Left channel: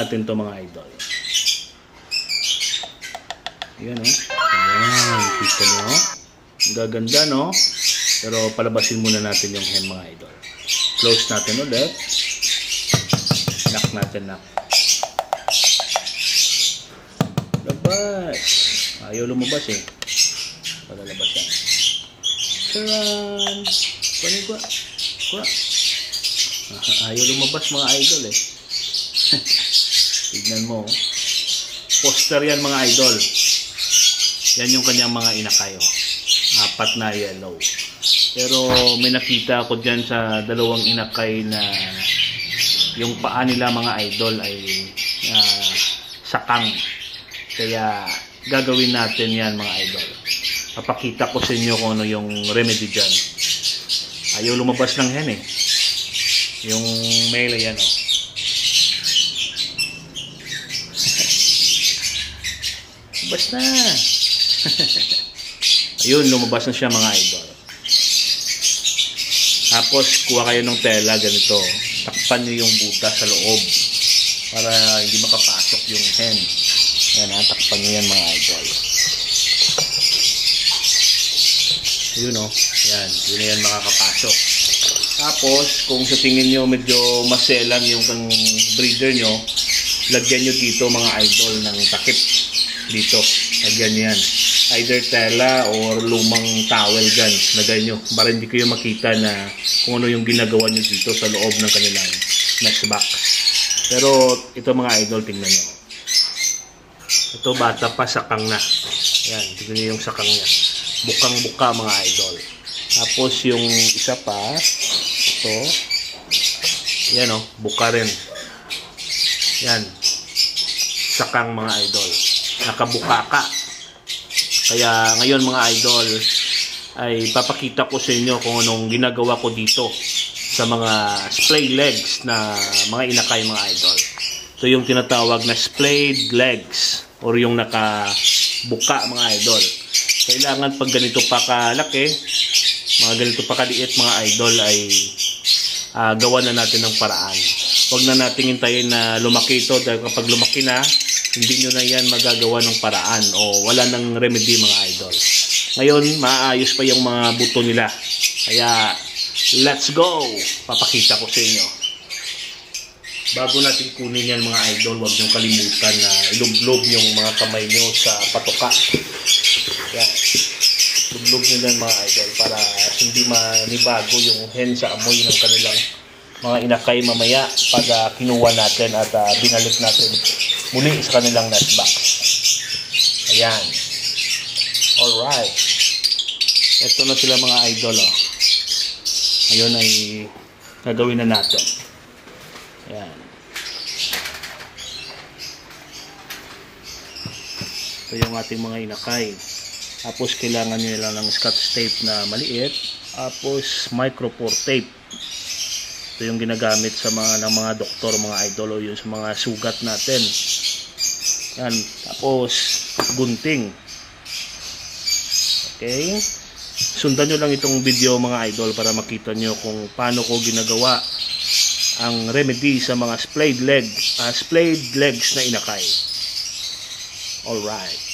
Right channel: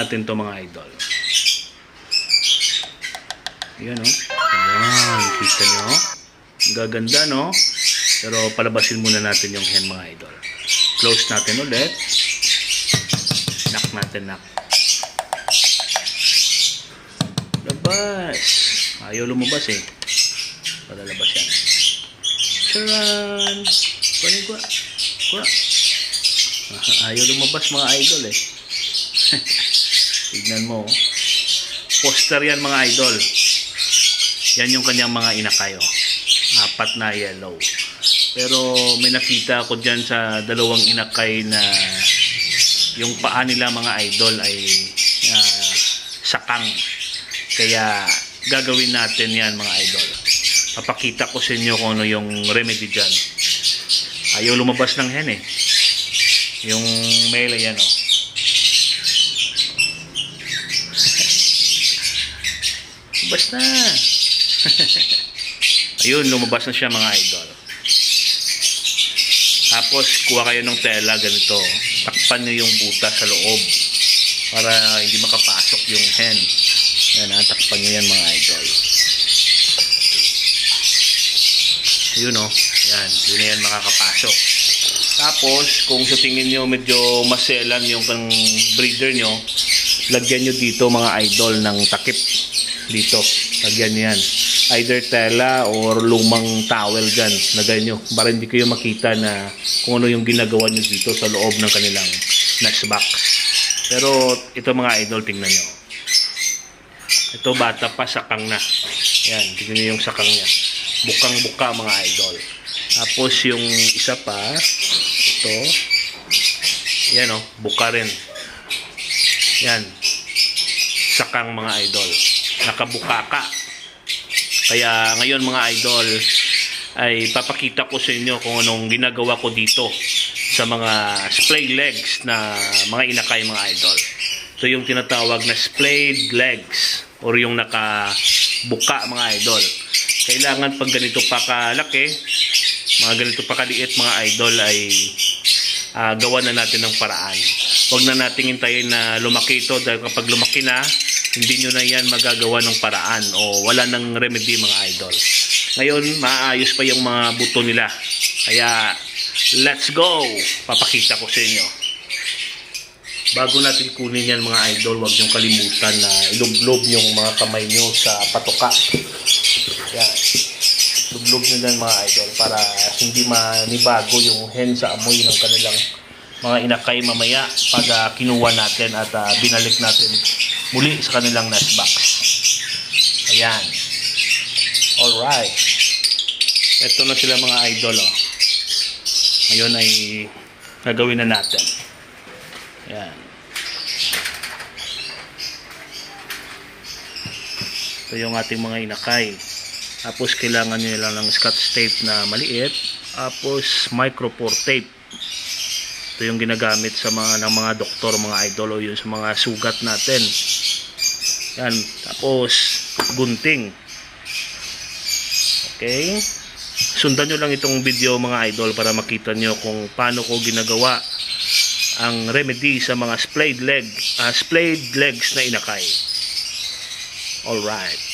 natin to mga idol. Ayan o. Ayan, kita nyo. Gaganda no. Pero palabasin muna natin yung hen mga idol. Close natin ulit. Knock natin, knock. Labas. Ayaw lumabas eh. Palalabas yan. Charan! Kunin ko. Kuha. Ayaw lumabas mga idol eh. Tignan mo. Poster yan mga idol. Yan yung kanyang mga inakayo. 4 na yellow. Pero may nakita ako dyan sa dalawang inakay na yung paa nila mga idol ay sakang. Kaya gagawin natin yan mga idol. Papakita ko sa inyo kung ano yung remedy dyan. Ayaw lumabas ng hen eh. Yung male yan o. Basta. Ayun, lumabas na siya mga idol. Tapos kuha kayo ng tela ganito. Takpan nyo yung butas sa loob para hindi makapasok yung hen. Ayan ha, takpan nyo yan mga idol. Ayun o. Ayan, yun na yan makakapasok. Tapos kung sa tingin nyo medyo maselan yung breeder nyo, lagyan nyo dito mga idol ng takip. Dito, lagyan nyo yan. Either tela or lumang towel dyan. Lagay nyo para hindi kayo makita na kung ano yung ginagawa nyo dito sa loob ng kanilang nest box. Pero ito mga idol, tingnan nyo. Ito bata pa, sakang na. Ayan, tingnan nyo yung sakang niya. Bukang-buka mga idol. Tapos yung isa pa, ito. Ayan o, buka rin. Ayan. Sakang mga idol. Nakabuka ka. Kaya ngayon mga idol ay papakita ko sa inyo kung anong ginagawa ko dito sa mga splayed legs na mga inakay mga idol. Ito yung tinatawag na splayed legs or yung nakabuka mga idol. Kailangan pag ganito pa kalaki, mga ganito pa kaliit mga idol ay gawa na natin ng paraan. Huwag na nating hintayin na lumaki ito dahil kapag lumaki na, hindi nyo na yan magagawa ng paraan o wala ng remedy mga idol. Ngayon, maayos pa yung mga buto nila. Kaya, let's go! Papakita ko sa inyo. Bago natin kunin yan mga idol, huwag nyong kalimutan na ilublob yung mga kamay nyo sa patoka. Yan. Ilublob nyo yan mga idol para hindi manibago yung hen sa amoy ng kanilang mga inakay mamaya pag kinuha natin at binalik natin muli sa kanilang nest box. Ayan. Alright. Ito na sila mga idol. Oh. Ngayon ay gagawin na natin. Ayan. Ito yung ating mga inakay. Tapos kailangan nyo lang ng scotch tape na maliit. Tapos micropore tape. Ito yung ginagamit sa mga doktor, mga idol, o yun sa mga sugat natin. Yan. Tapos, gunting. Okay. Sundan nyo lang itong video mga idol para makita nyo kung paano ko ginagawa ang remedy sa mga splayed legs na inakay. Alright.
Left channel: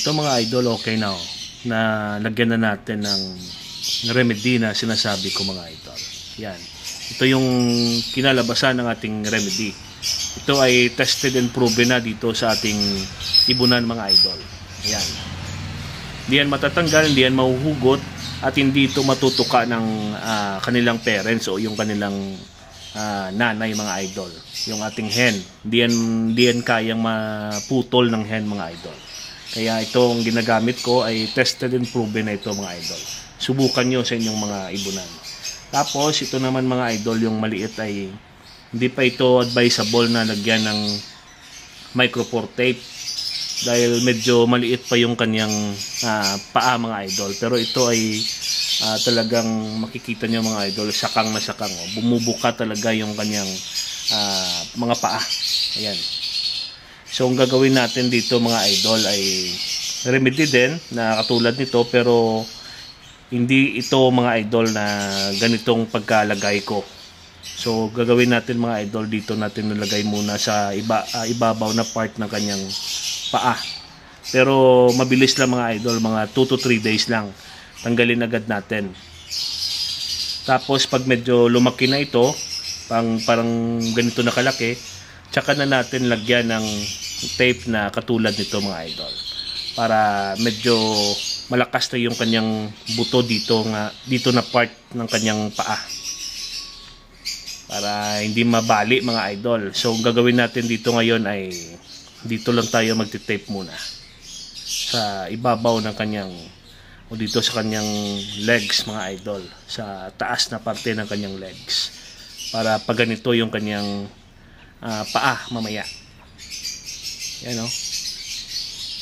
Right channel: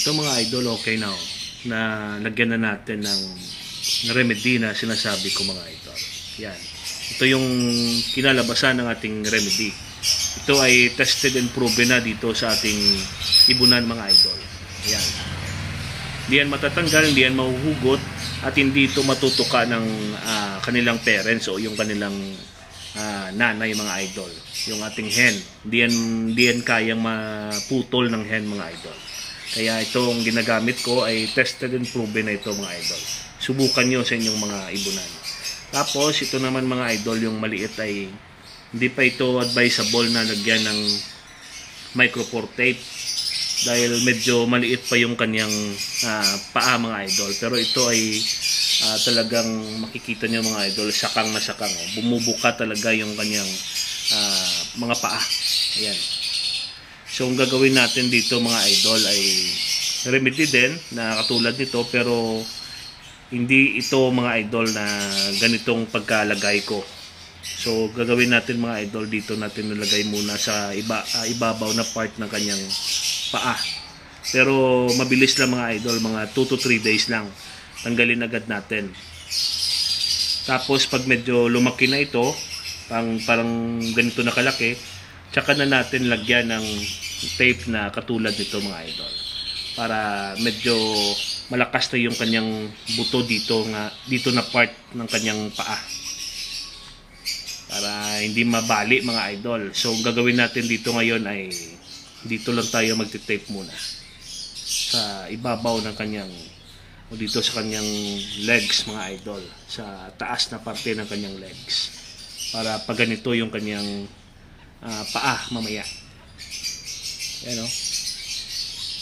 Ito mga idol, okay na na lagyan na natin ng remedy na sinasabi ko mga idol. Yan. Ito yung kinalabasan ng ating remedy. Ito ay tested and proven na dito sa ating ibunan mga idol. Yan. Hindi yan matatanggal, hindi yan mahuhugot, at hindi ito matutuka ng kanilang parents o yung kanilang nanay mga idol. Yung ating hen. Hindi yan kayang maputol ng hen mga idol. Kaya itong ginagamit ko ay tested and proven na ito mga idol. Subukan nyo sa inyong mga ibunan. Tapos ito naman mga idol, yung maliit ay hindi pa ito advisable na lagyan ng micropore tape dahil medyo maliit pa yung kanyang paa mga idol. Pero ito ay talagang makikita nyo mga idol, sakang na sakang. Bumubuka talaga yung kanyang mga paa. Ayan. So ang gagawin natin dito mga idol ay remedy din na katulad nito, pero hindi ito mga idol na ganitong pagkalagay ko. So gagawin natin mga idol, dito natin nilagay muna sa ibabaw na part ng kanyang paa. Pero mabilis lang mga idol, mga 2 to 3 days lang. Tanggalin agad natin. Tapos pag medyo lumaki na ito, parang ganito na kalaki, tsaka na natin lagyan ng tape na katulad nito mga idol. Para medyo malakas na yung kanyang buto dito na part ng kanyang paa. Para hindi mabali mga idol. So gagawin natin dito ngayon ay dito lang tayo magti-tape muna. Sa ibabaw ng kanyang o dito sa kanyang legs mga idol. Sa taas na parte ng kanyang legs. Para pag ganito yung kanyang paa mamaya. Yan o.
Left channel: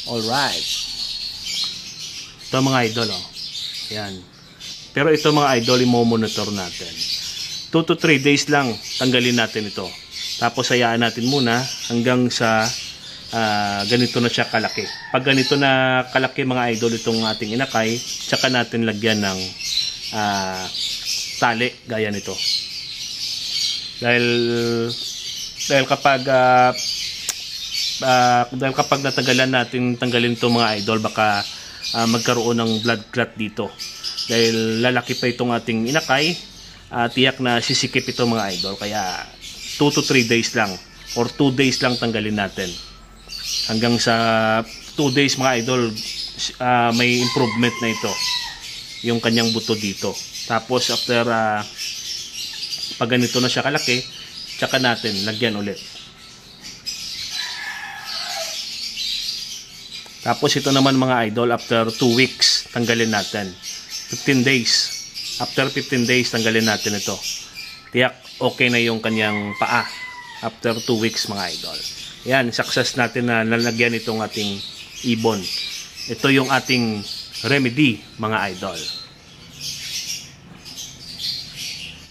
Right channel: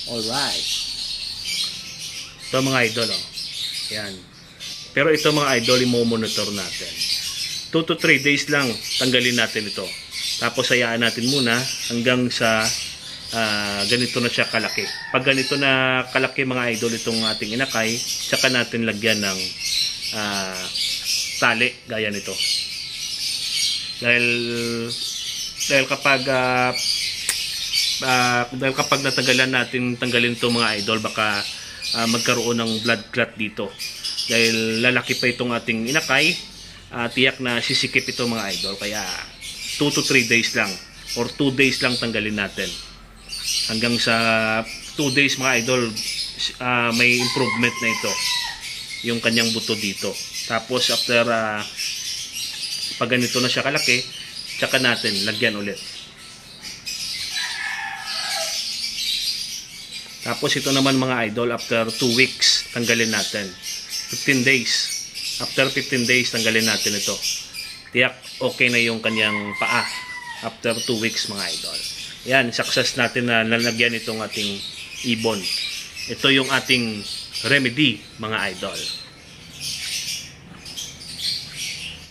Alright. Ito mga idol o. Yan. Pero ito mga idol, i-monitor natin. 2 to 3 days lang tanggalin natin ito. Tapos hayaan natin muna hanggang sa ganito na siya kalaki. Pag ganito na kalaki mga idol itong ating inakay, tsaka natin lagyan ng tali gaya nito. Dahil kapag natagalan natin tanggalin to mga idol, baka magkaroon ng blood clot dito. Dahil lalaki pa itong ating inakay, tiyak na sisikip ito mga idol. Kaya 2 to 3 days lang or 2 days lang tanggalin natin. Hanggang sa 2 days mga idol, may improvement na ito yung kanyang buto dito. Tapos after pag ganito na siya kalaki, tsaka natin lagyan ulit. Tapos ito naman mga idol, after 2 weeks tanggalin natin. 15 days. After 15 days tanggalin natin ito. Tiyak okay na yung kanyang paa after 2 weeks mga idol. Yan, success natin na lalagyan itong ating ibon. Ito yung ating remedy mga idol.